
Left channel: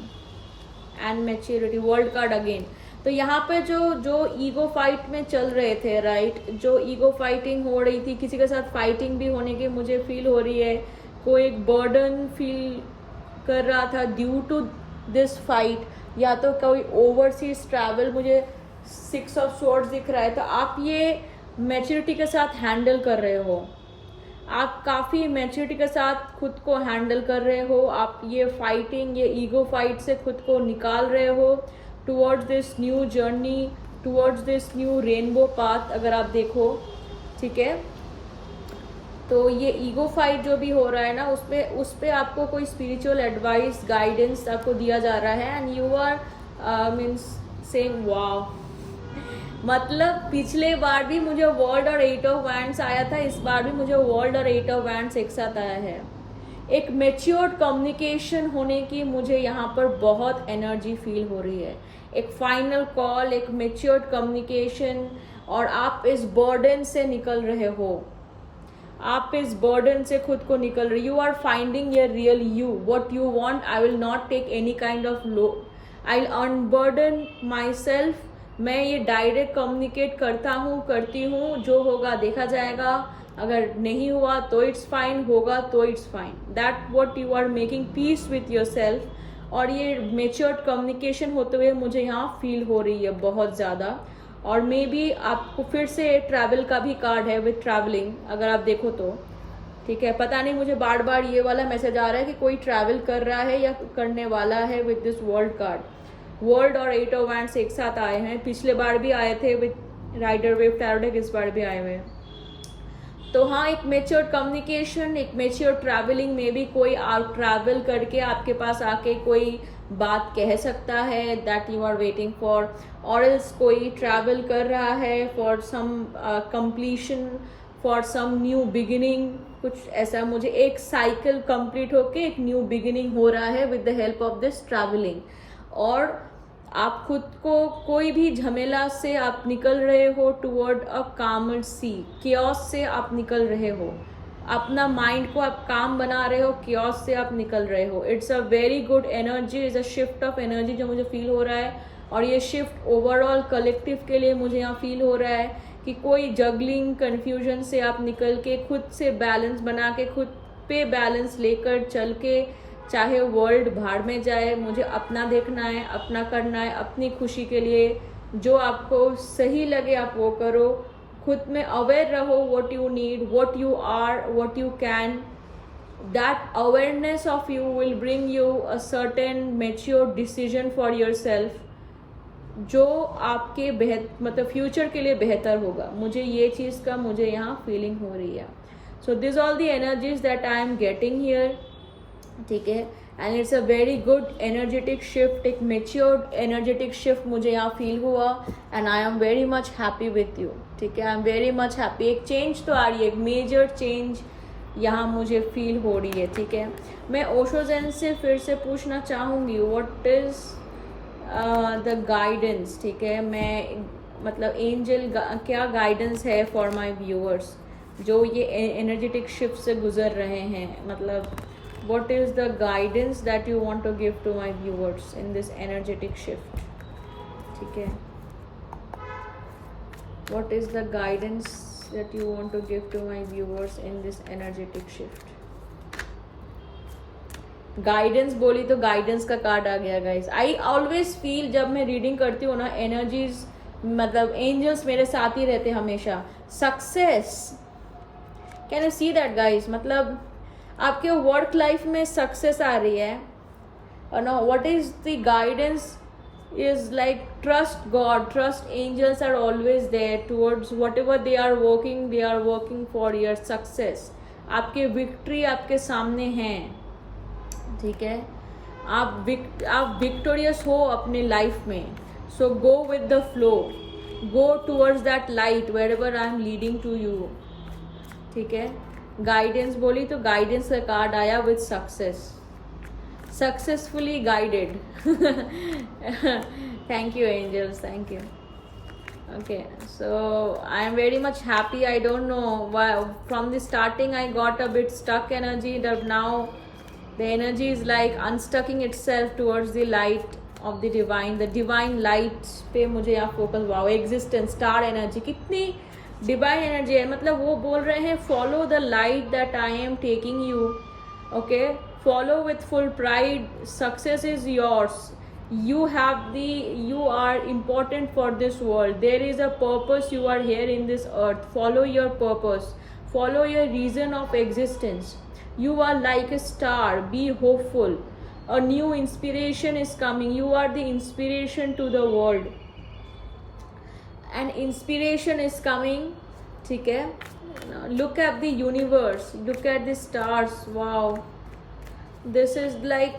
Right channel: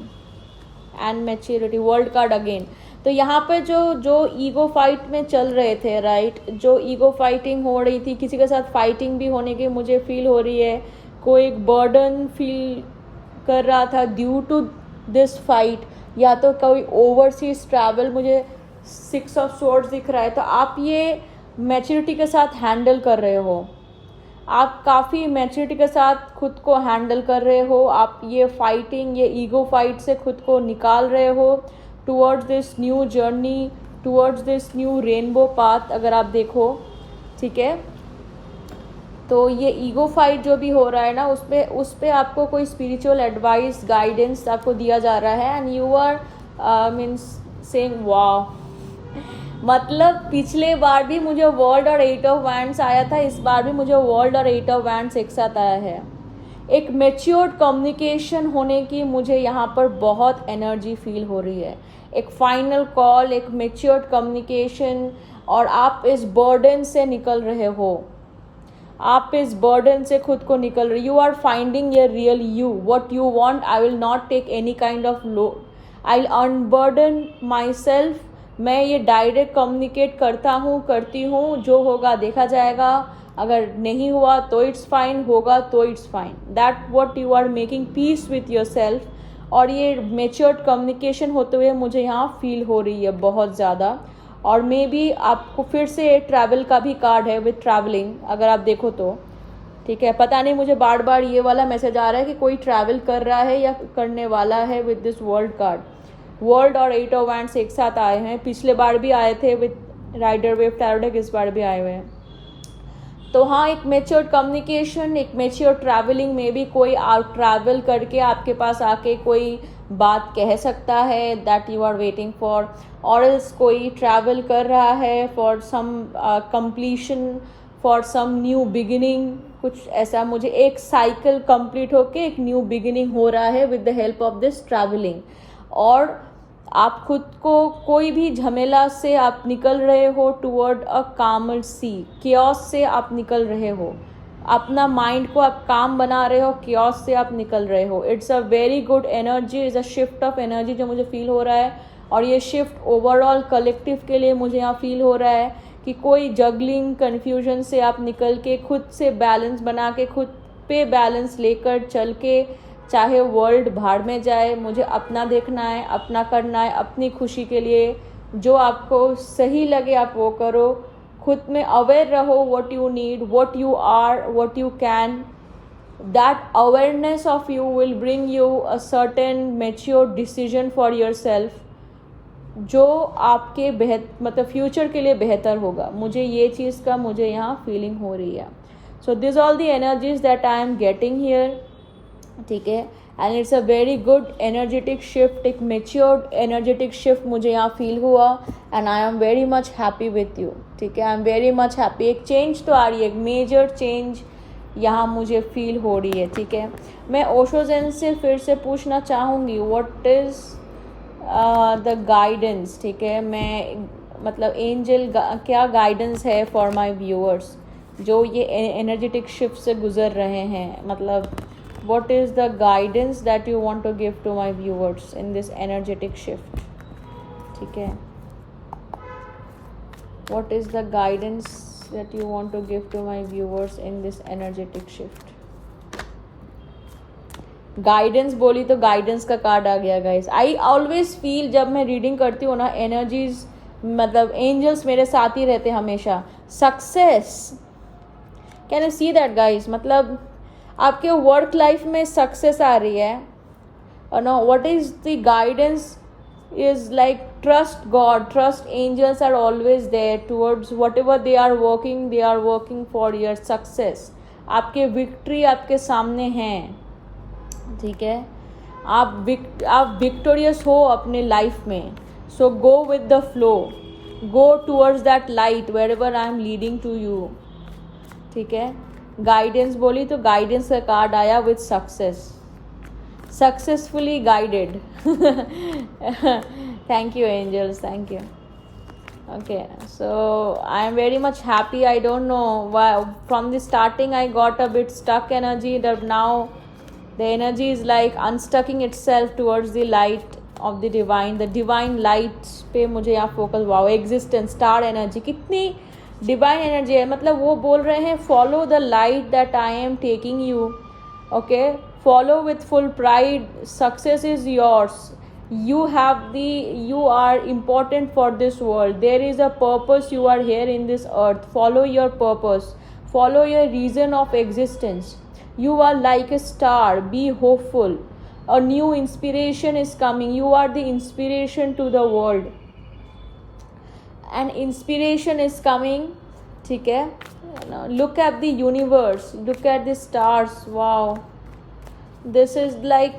and maturity, world card again. तो यहाँ पे जो ईगो फाइट में चल रहे थे, राइट, जो ईगो फाइटिंग हो रही थी, किसी के साथ फाइटिंग भी होने की मुझे फील हो रही है. कोई एक बर्डन फील कर रहा था ड्यू टू दिस फाइट, या तो कोई ओवरसीज ट्रैवल. मुझे 6 ऑफ सोर्ड्स दिख रहा है. तो आप ये मैच्योरिटी के साथ हैंडल कर रहे हो. आप काफ़ी मैच्योरिटी के साथ खुद को हैंडल कर रहे हो. आप ये फाइटिंग, ये ईगो फाइट से खुद को निकाल रहे हो towards this new journey, towards this new rainbow path. अगर आप देखो, ठीक है, तो ये ईगो फाइट जो भी हो रहा है ना, उस पे आपको कोई स्पिरिचुअल एडवाइस, गाइडेंस आपको दिया जा रहा है. And you are means saying वाह. मतलब पिछले बार भी मुझे वर्ल्ड और 8 ऑफ वैंड्स आया था, इस बार भी मुझे वर्ल्ड और 8 ऑफ वैंड्स एक साथ आया है. एक मैच्योर्ड कम्युनिकेशन होने की मुझे यहाँ पर बहुत एनर्जी फील हो रही है. एक फाइनल कॉल, एक मैच्योर्ड कम्युनिकेशन, और आप इस बर्डन से निकल रहे हो. आप इस बर्डन से खुद को निकल रहे. You are finding your real you, what you want. I will not take any kind of load. I will unburden myself. मैं ये डायरेक्ट कम्युनिकेट करती हूँ. जो होगा देखा जाएगा. अगर नहीं हुआ तो इट्स फाइन, होगा तो it's fine. That what you are making peace with yourself. और ये मेच्योर्ड कम्युनिकेशन होते हुए मुझे यहाँ फील हो रही है बहुत ज़्यादा. और मे बी आपको फिर से ट्रैवल का भी कार्ड है विथ ट्रैवलिंग, अगर आप देखो तो. ठीक है, पता नहीं, मुझे बार बार ये वाला मैसेज आ रहा है कि कोई ट्रैवल कर रहा है या करने वाला है with this world card. World और 8 ऑफ वैंड्स एक साथ आए हैं. पिछले बार भी आए थे with rider Waite tarot deck, इस बार भी आए हुए हैं. तो हाँ, एक मेच्योर कम्युनिकेशन, एक मेच्योर ट्रैवलिंग में भी कोई आउट ट्रैवल करके आपके पास आके कोई बात कह सकता है that you are waiting for. और एल्स कोई ट्रैवल कर रहा है for some completion, for some new beginning. कुछ ऐसा, मुझे एक साइकिल कंप्लीट होके एक न्यू बिगिनिंग हो रहा है with the help of this travelling. और आप खुद को कोई भी झमेला से आप निकल रहे हो टुवर्ड अ कामर सी. क्योस से आप निकल रहे हो. अपना माइंड को आप काम बना रहे हो, क्योस से आप निकल रहे हो. It's a very good energy, is a shift of energy जो मुझे फील हो रहा है. और ये शिफ्ट ओवरऑल कलेक्टिव के लिए मुझे यहाँ फील हो रहा है कि कोई जगलिंग कन्फ्यूजन से आप निकल के खुद से बैलेंस बना के, खुद पे बैलेंस लेकर चल के, चाहे वर्ल्ड भाड़ में जाए, मुझे अपना देखना है, अपना करना है, अपनी खुशी के लिए जो आपको सही लगे आप वो करो. खुद में अवेयर रहो, what you need, what you are, what you can. That awareness of you will bring you a certain mature decision for yourself, जो आपके मतलब फ्यूचर के लिए बेहतर होगा. मुझे ये चीज़ का मुझे यहाँ फीलिंग हो रही है. So this all the energies that I am getting here. ठीक है, and it's a very good energetic shift. एक मेच्योर्ड एनर्जेटिक शिफ्ट मुझे यहाँ फील हुआ. And I am very much happy with you. ठीक है, I am very much happy. एक चेंज तो आ रही है, एक मेजर चेंज यहाँ मुझे फील हो रही है. ठीक है, मैं ओशो ज़ेन से फिर से पूछना चाहूँगी व्हाट इज़ द गाइडेंस. ठीक है, मैं मतलब एंजल क्या गाइडेंस है फॉर माई व्यूअर्स जो ये एनर्जेटिक शिफ्ट से गुजर रहे हैं. मतलब what is the guidance that you want to give to my viewers in this energetic shift. ठीक है, what is the guidance that you want to give to my viewers in this energetic shift. Guidance बोली तो गाइडेंस का कार्ड आ गया गाइस. आई ऑलवेज फील जब मैं रीडिंग करती हूँ ना, एनर्जीज मतलब एंजल्स मेरे साथ ही रहते हमेशा. Success, can you see that guys? मतलब आपके वर्क लाइफ में सक्सेस आ रही है और know what is the guidance is like trust God, trust angels are always there towards whatever they are working for your success. आपके विक्ट्री आपके सामने हैं, ठीक है? आप विक्टोरियस हो अपने लाइफ में. So go with the flow, go towards that light wherever I am leading to you, ठीक है? गाइडेंस बोली तो गाइडेंस का कार्ड आया with success, successfully guided. Thank you angels, thank you. Okay, so I am very much happy. I don't know why from the starting I got a bit stuck energy, that now the energy is like unstucking itself towards the light of the divine light पे मुझे यहाँ focus. Wow, existence, star energy, कितनी डिवाइन एनर्जी है. मतलब वो बोल रहे हैं follow the light that I am taking you. Okay, follow with full pride, success is yours, you are important for this world, there is a purpose, you are here in this earth, follow your purpose, follow your reason of existence, you are like a star, be hopeful, a new inspiration is coming, you are the inspiration to the world, and inspiration is coming, ठीक है? Look at the universe, look at the stars. Wow, this is like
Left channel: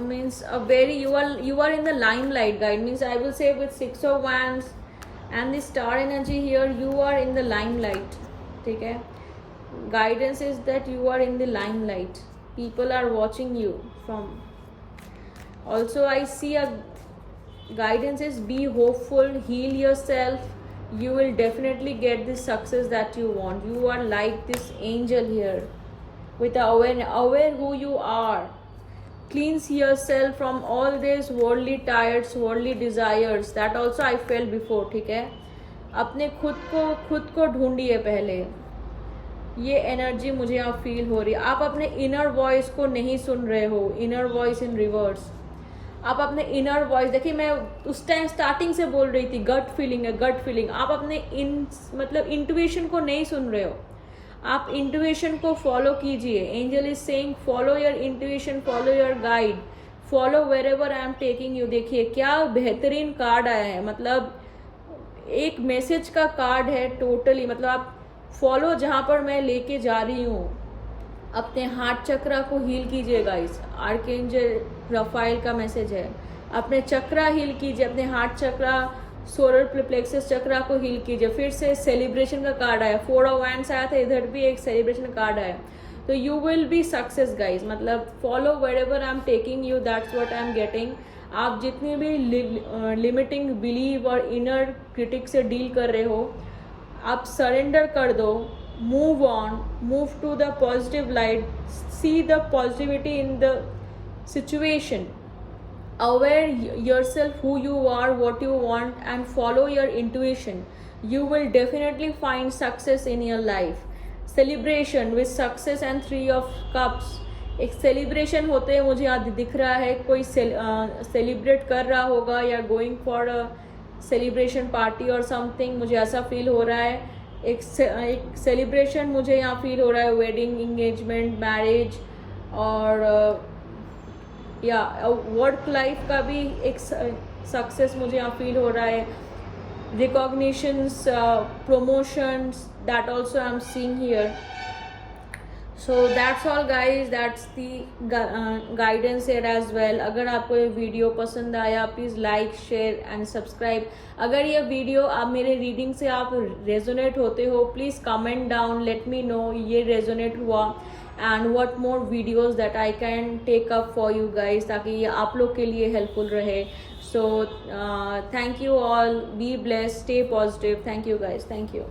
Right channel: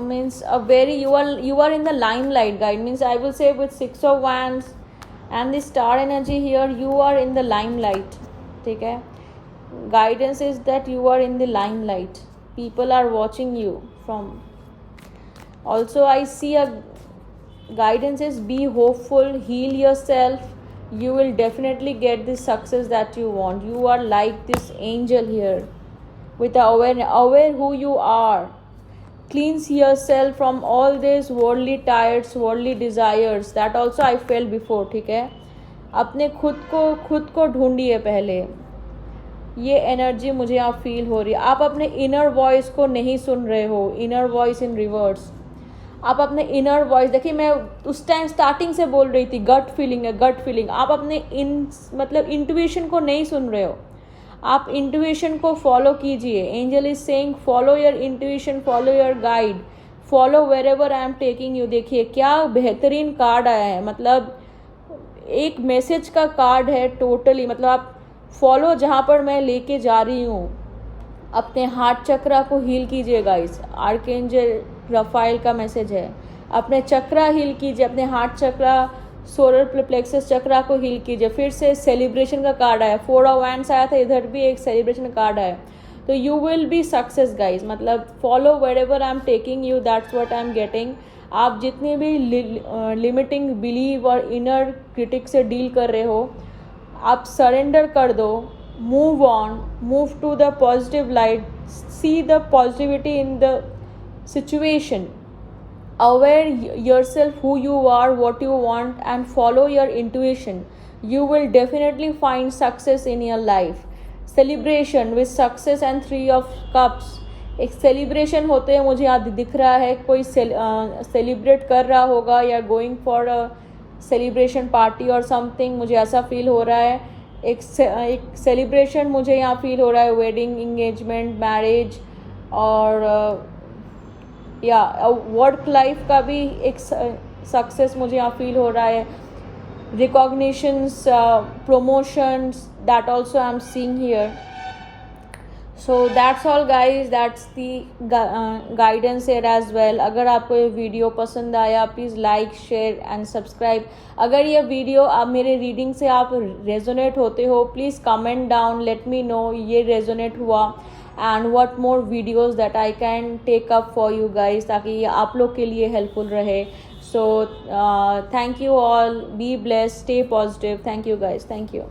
means a very, you are in the limelight, guide. Means I will say with 6 of wands and the star energy here, you are in the limelight, ठीक है? Guidance is that you are in the limelight, people are watching you from. Also I see a guidance is be hopeful, heal yourself, you will definitely get the success that you want. You are like this angel here with aware who you are. Cleanse yourself from all these worldly tides, worldly desires. That also I felt before, ठीक है? अपने खुद को ढूंढिए पहले. ये एनर्जी मुझे यहाँ फील हो रही है. आप अपने इनर वॉइस को नहीं सुन रहे हो, इनर वॉइस इन रिवर्स. आप अपने इनर वॉइस देखिए, मैं उस टाइम स्टार्टिंग से बोल रही थी गट फीलिंग है, गट फीलिंग. आप अपने मतलब इंट्यूशन को नहीं सुन रहे हो. आप इंट्यूशन को फॉलो कीजिए. Angel is saying follow your intuition, follow your guide, follow wherever I am taking you. देखिए क्या बेहतरीन कार्ड आया है. मतलब एक मैसेज का कार्ड है टोटली. मतलब आप फॉलो जहाँ पर मैं लेके जा रही हूँ. अपने हार्ट चक्रा को हील कीजिएगा. इस आर्कएंजल रफाइल का मैसेज है. अपने चक्रा हील कीजिए, अपने हार्ट चक्रा, सोलर प्लेक्सस चक्रा को हील कीजिए. फिर से सेलिब्रेशन का कार्ड आया, 4 ऑफ वैंड्स आया था, इधर भी एक सेलिब्रेशन का कार्ड आया. तो you will be success guys. मतलब follow wherever I am taking you, that's what I am getting. आप जितनी भी लिमिटिंग बिलीव और इनर क्रिटिक से डील कर रहे हो, आप सरेंडर कर दो. Move on, move to the positive light, see the positivity in the situation, aware yourself who you are, what you want, and follow your intuition. You will definitely find success in your life. Celebration with success and 3 of cups. एक सेलिब्रेशन होते हैं मुझे यहाँ दिख रहा है. कोई सेलिब्रेट कर रहा होगा या going for a celebration party और समथिंग, मुझे ऐसा फील हो रहा है. एक सेलिब्रेशन मुझे यहाँ फील हो रहा है. वेडिंग, इंगेजमेंट, मैरिज और या वर्क लाइफ का भी एक सक्सेस मुझे यहाँ फील हो रहा है. Recognitions, promotions, that also I am seeing here. So that's all guys, that's the guidance here as well. अगर आपको ये वीडियो पसंद आया please like, share and subscribe. अगर ये वीडियो आप मेरे रीडिंग से आप रेजोनेट होते हो, please comment down, let me know ये रेजोनेट हुआ and what more videos that I can take up for you guys, ताकि ये आप लोग के लिए हेल्पफुल रहे. So thank you all, be blessed, stay positive. Thank you guys, thank you.